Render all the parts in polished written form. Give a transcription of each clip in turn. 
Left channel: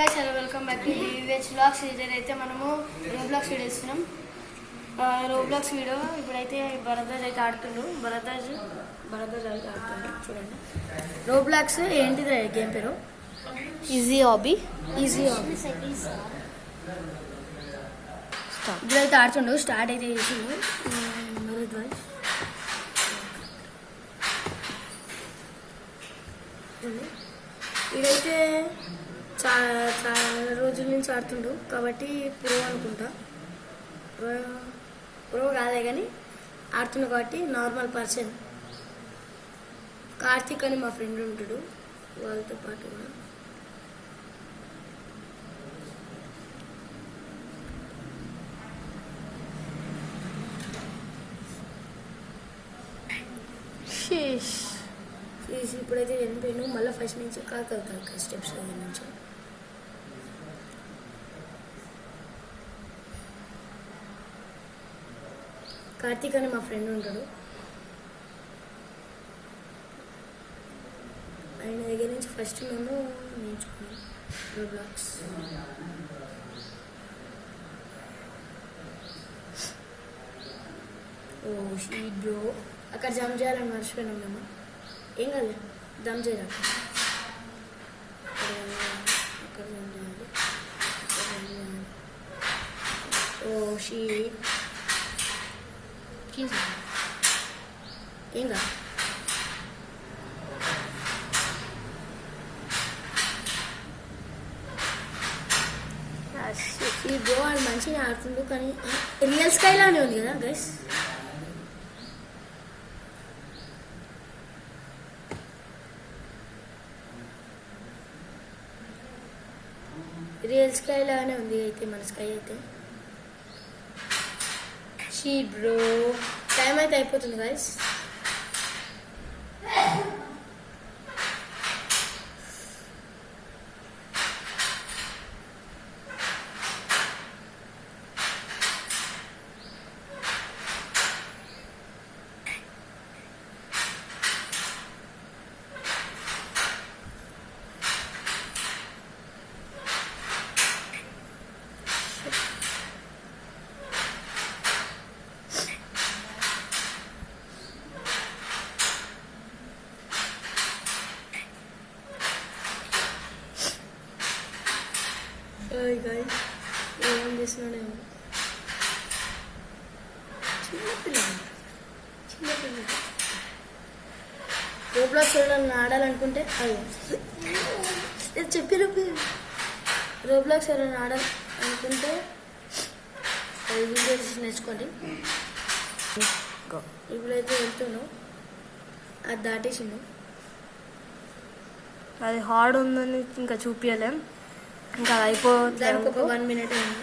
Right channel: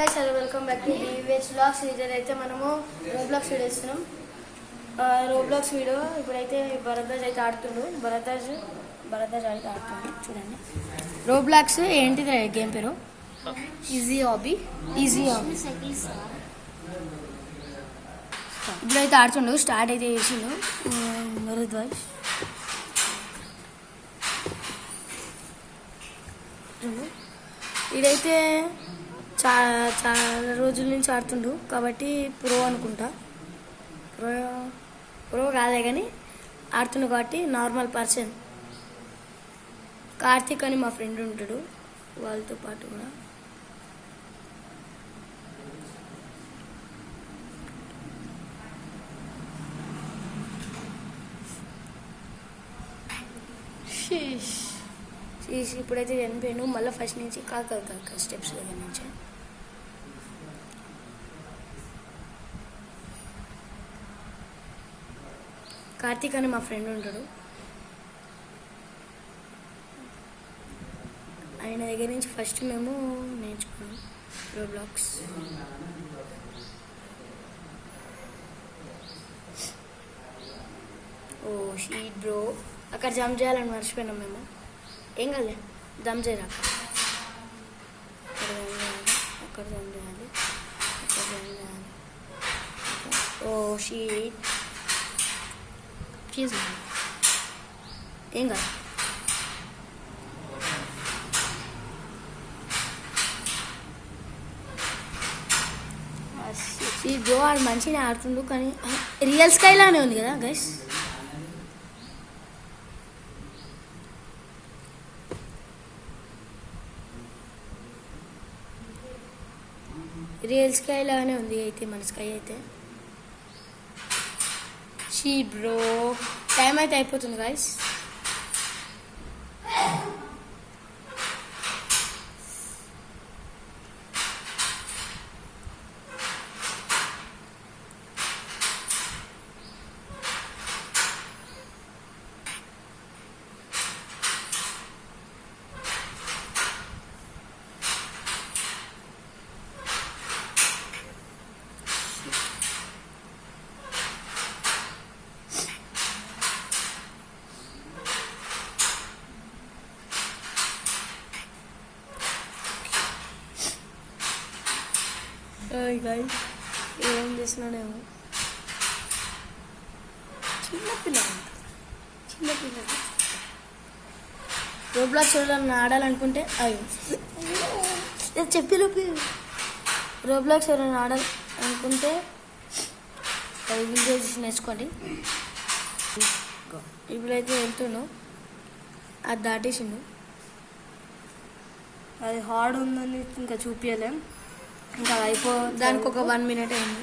Welcome back to DVH vlogs. ఇదైతే మనము Roblox video ఇస్తున్నాం. రోబ్లాక్స్ వీడియో ఇప్పుడైతే భరద్వాజ్ అయితే ఆడుతుండు. భరద్వాజ్ అయితే ఆడుతుండు. చూడండి రోబ్లాక్స్ ఏంటిది గేమ్ పేరు? Easy hobby. ఇప్పుడైతే ఆడుతుండు. స్టార్ట్ అయితే చేసిండు భరద్వాజ్. ఇదైతే చాలా రోజుల నుంచి ఆడుతుండు కాబట్టి ప్రో అనుకుంటా. ప్రో కాలే కానీ ఆడుతుండు కాబట్టి నార్మల్ పర్సన్. కార్తీక్ అని మా ఫ్రెండ్ ఉంటాడు, వాళ్ళతో పాటు కూడా. ఇప్పుడైతే చనిపోయాను. మళ్ళీ ఫస్ట్ నుంచి కాక స్టెప్స్ నుంచి. కార్తీక్ అని మా ఫ్రెండ్ ఉంటాడు, ఆయన దగ్గర నుంచి ఫస్ట్ మేము నేర్చుకున్నాం రోబ్లాక్స్. ఓ షీట్ బ్రో, అక్కడ జంప్ చేయాలని మర్చిపోయినాం మేము. ఏం కాలే, జంప్ చేయాలి అక్కడ జంప్ చేయాలి. ఓ షీట్, ఏం కాదు. ఈ బ్రో వాడు మంచిగా ఆడుతుండు కానీ రియల్ స్కై లానే ఉంది కదా గైస్. రియల్ స్కై లానే ఉంది అయితే మన స్కై అయితే. షీ బ్రో, టైం అయితే అయిపోతుంది గైస్. ఏం చేస్తున్నాడేమో చిన్నపిల్లలు. రోబ్లాక్స్ ఎవరైనా ఆడాలనుకుంటే చెప్పి రోబ్లాక్స్ ఎవరైనా ఆడాలనుకుంటే అది వీడియోస్ నేర్చుకోండి. ఇప్పుడైతే వెళ్తున్నావు, అది దాటేసిండు. అది హార్డ్ ఉందని ఇంకా చూపించలేం, ఇంకా దానికి ఒక 1 minute అయింది.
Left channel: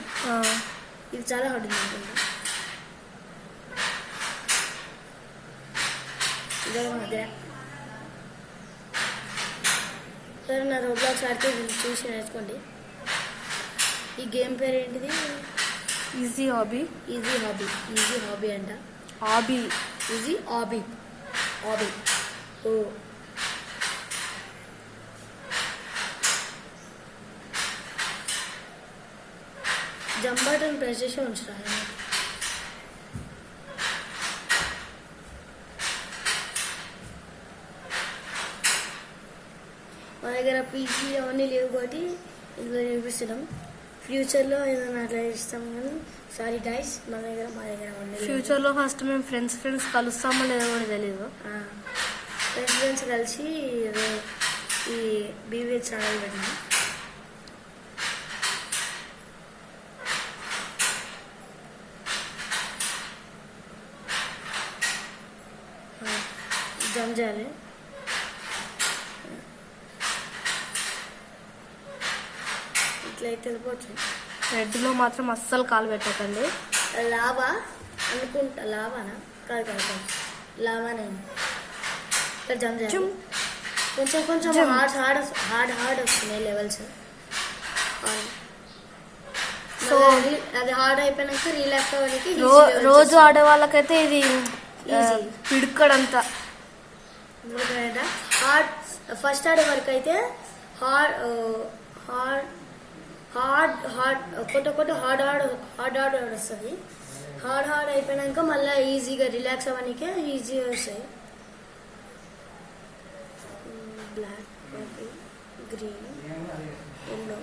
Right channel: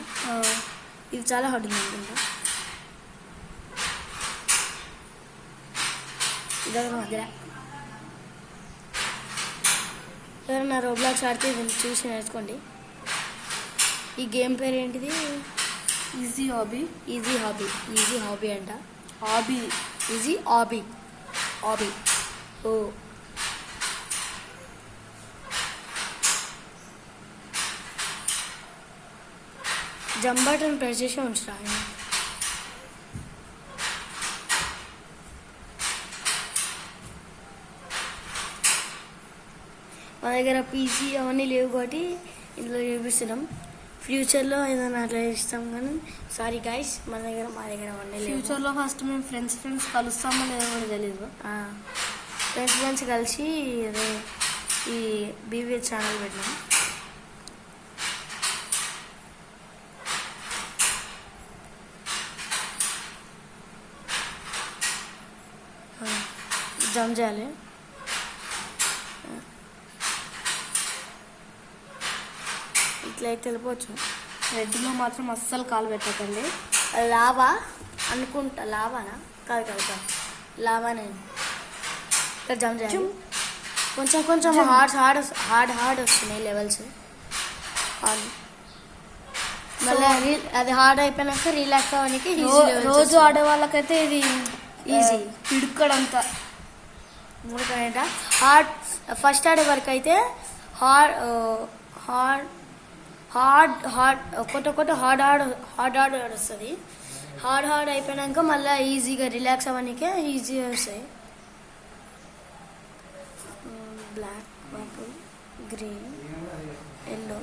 ఇది చాలా హార్డ్ ఉంది అనుకుంటా. మధ్య ఎవరైనా రోబ్లాక్స్ ఆడితే చూసి నేర్చుకోండి. ఈ గేమ్ పేరు ఏంటిది? ఈజీ హాబీ అంట. Easy hobby. ఓ జంప్ బటన్ ప్రెస్ చేసి ఉంచురా. మా దగ్గర పీసీ అవన్నీ లేవు కాబట్టి ఇందులో చూపిస్తున్నాం. ఫ్యూచర్లో ఏదైనా అట్లా ఇస్తాం కానీ సారీ గైస్, మా దగ్గర అవన్నీ. ఫ్యూచర్లో ఫస్ట్ మేము ఫ్రెండ్స్ కలుస్తామో లేదో కూడా తెలీదు. ఫ్రెండ్స్ కలిసి ఈ డివిహెచ్ ఛానల్ పెట్టినాం. జంప్ చేయాలి. ఇట్లా అయితే వెళ్ళిపోవచ్చు. రెడ్లో మాత్రం అస్సలు కాలు పెట్టకండి. లావా అనుకుంటా, లావానా కాదు కదా, లావానే. ఇక్కడ జంప్ చేయాలి. కొంచెం హార్డ్ వస్తున్నాయి లెవెల్స్. సో అది హార్డ్ అయిపోయినాక రిలాక్స్ అవ్వడానికి రోజు ఆడే వాళ్ళకైతే ఇది ఈజీ. పిడుక్కడంతా హార్డ్ ఫస్ట్ ఆడే వరకు అయితే హార్డ్ ఒకటి హార్డ్ వస్తుంది. హార్డ్ అయిపోయినాక మళ్ళీ ఈజీగా రిలాక్స్ అవ్వడానికే ఈజీగా వస్తాయి. Black, green, yellow,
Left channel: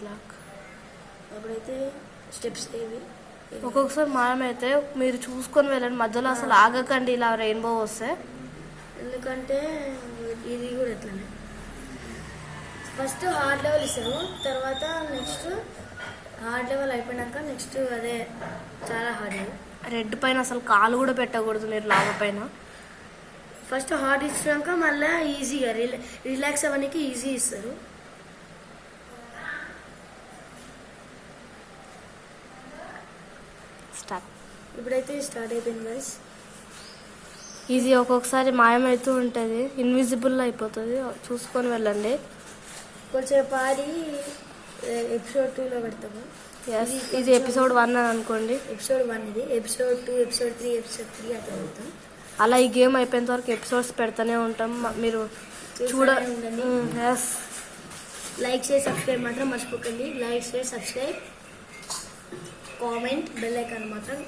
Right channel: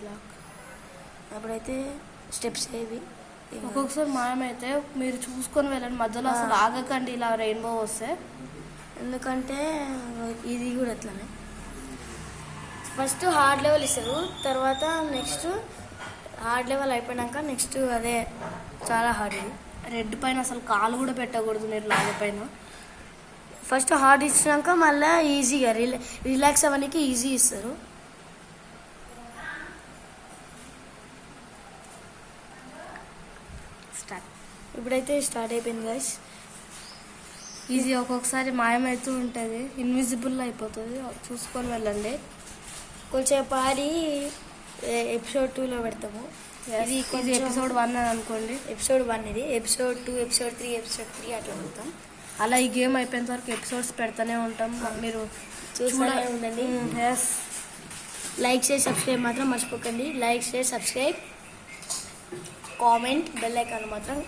black. అప్పుడైతే స్టెప్స్ ఏవి ఒక్కొక్కసారి మనమైతే మీరు చూసుకొని వెళ్ళండి, మధ్యలో అసలు ఆగకండి ఇలా రెయిన్బో వస్తే. ఎందుకంటే ఇది కూడా అట్లనే ఫస్ట్ హార్డ్ లెవెల్ ఇస్తారు, తర్వాత నెక్స్ట్ హార్డ్ లెవెల్ అయిపోయినాక నెక్స్ట్ అదే చాలా హార్డ్. రెడ్ పైన అసలు కాలు కూడా పెట్టకూడదు మీరు, లాగ పైన. ఫస్ట్ హార్డ్ ఇచ్చినాక మళ్ళీ ఈజీగా రిలాక్స్ అవ్వడానికి ఈజీ ఇస్తారు. ఇప్పుడైతే స్టార్ట్ అయిపోయింది గైస్. ఇది ఒక్కొక్కసారి మాయమవుతూ ఉంటుంది, ఇన్విజిబుల్ అయిపోతుంది, చూసుకొని వెళ్ళండి. కొంచెం పారి ఎపిసోడ్ 2లో పెడతాము. ఇది ఎపిసోడ్ 1 అని అనుకోండి. ఎపిసోడ్ 1 ఇది. ఎపిసోడ్ 2, ఎపిసోడ్ 3, ఎపిసోడ్ 3 అట్లా పెడతాం. అలా ఈ గేమ్ అయిపోయేంత వరకు ఎపిసోడ్స్ పెడతానే ఉంటాం, మీరు ఉండండి. లైక్ షేర్ సబ్స్క్రైబ్ మాత్రం మర్చిపోకండి. Like share subscribe comment bell icon మాత్రం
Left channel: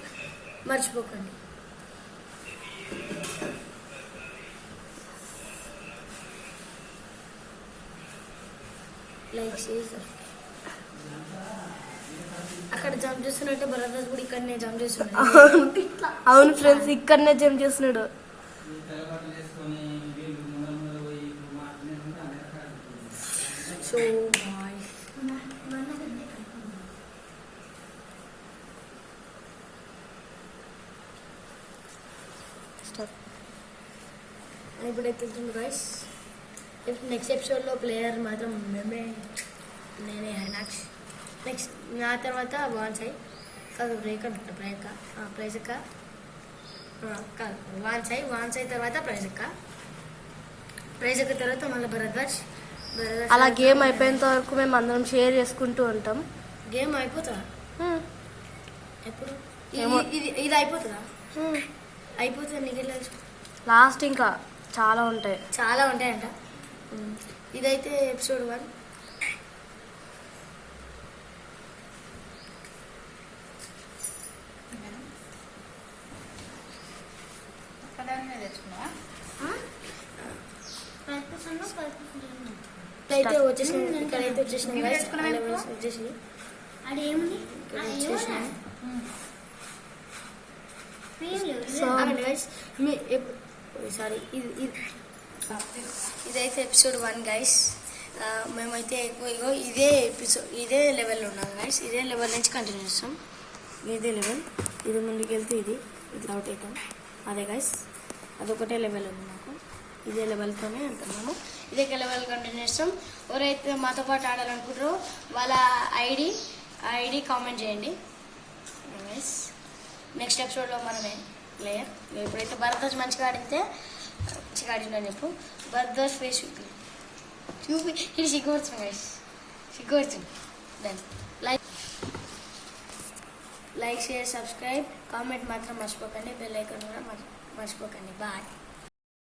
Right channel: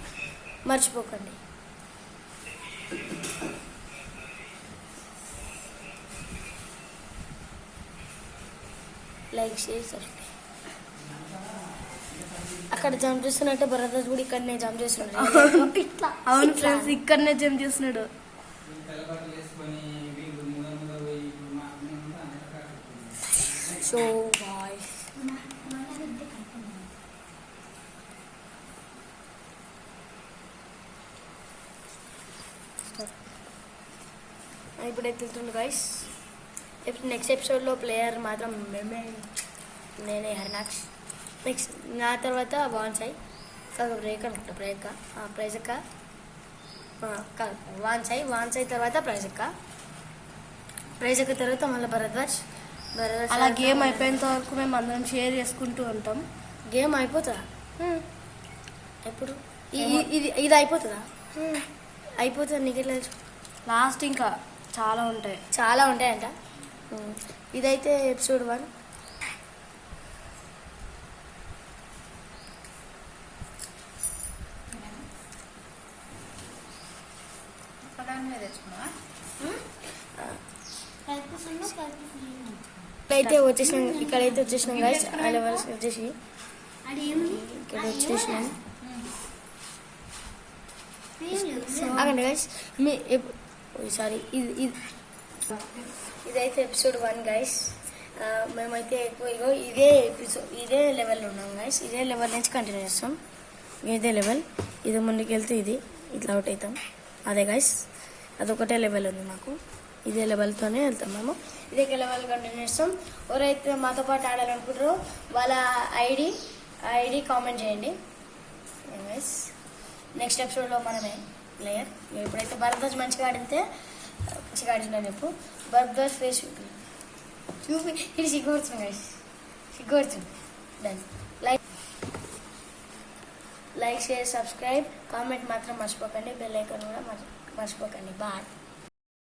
మర్చిపోకండి. Like share subscribe. అక్కడ జంప్ చేస్తున్నట్టే బ్రదర్స్ కూడా ఇక్కడనే జంప్ చేస్తున్నాడు. అవును ఫ్రెండ్స్, ఇక్కడనే జంప్ చేస్తున్నాడు. సో ఇప్పుడైతే వెళ్తుంది గైస్. నెక్స్ట్ ఎపిసోడ్లో ప్లేయర్ మాత్రం నేనే హైనాక్స్. నెక్స్ట్ నా తర్వాత వాన్సాయ్ బ్రేక్ అనుకుంటా. ప్రైజక్క వాన్సాయ్ తర్వాత ప్రైజక్క తర్వాత మళ్ళీ భరద్వాజ్. అలా గేమ్ అయిపోయేంత వరకు మేము అందరం షేర్ చేసుకుంటూ ఉంటాం. గేమ్ అయిపోతుందా ఎప్పుడు? ఇది అయిపోతుందా? అయిపోతుంది. నీకు లాస్ట్ ఇంకా చాలా ఉంటాయంట. ఇదైతే ఎపిసోడ్ 1. ఇక్కడైతే వచ్చేసినాం గైస్. వచ్చేసి సారీ ఇదైతే ఎపిసోడ్ 1 గైస్. మేమైతే ఎక్కువ ఇదే లెవెల్లో ఉన్నాం గైస్. ఇదే లెవెల్ నుంచి కంటిన్యూ చేస్తాం. ఇదే లెవెల్. ఇది ముందుకు వెళ్తే ఇట్లా అవుట్ అవుతాం. అదే గైస్, అదొకటే లెవెల్ ఉంది మాకు. ఇదే లెవెల్తోనే వెళ్తాం మేము. ఇదే లెవెల్ కంటిన్యూ చేస్తాం. ఎవరైతే మాతో పాటు ఆడాలనుకుంటారో వాళ్ళ ఐడి కామెంట్ చేయండి గైస్. నెక్స్ట్ ఎపిసోడ్లో మనమే ప్లేయర్. ఇప్పుడైతే భరద్వాజ్ మంచిగా ఆడితే మంచిగా ఆడిందని చెప్పు. భరద్వాజ్ ఫేస్ చూపి ఇది సిగ్గుపడుతుంది గైస్, సిగ్గుపడుతుంది. Done. Like share subscribe comment మాత్రం మర్చిపోకండి. బెల్ ఐకాన్ కూడా మర్చిపోకండి. బాయ్.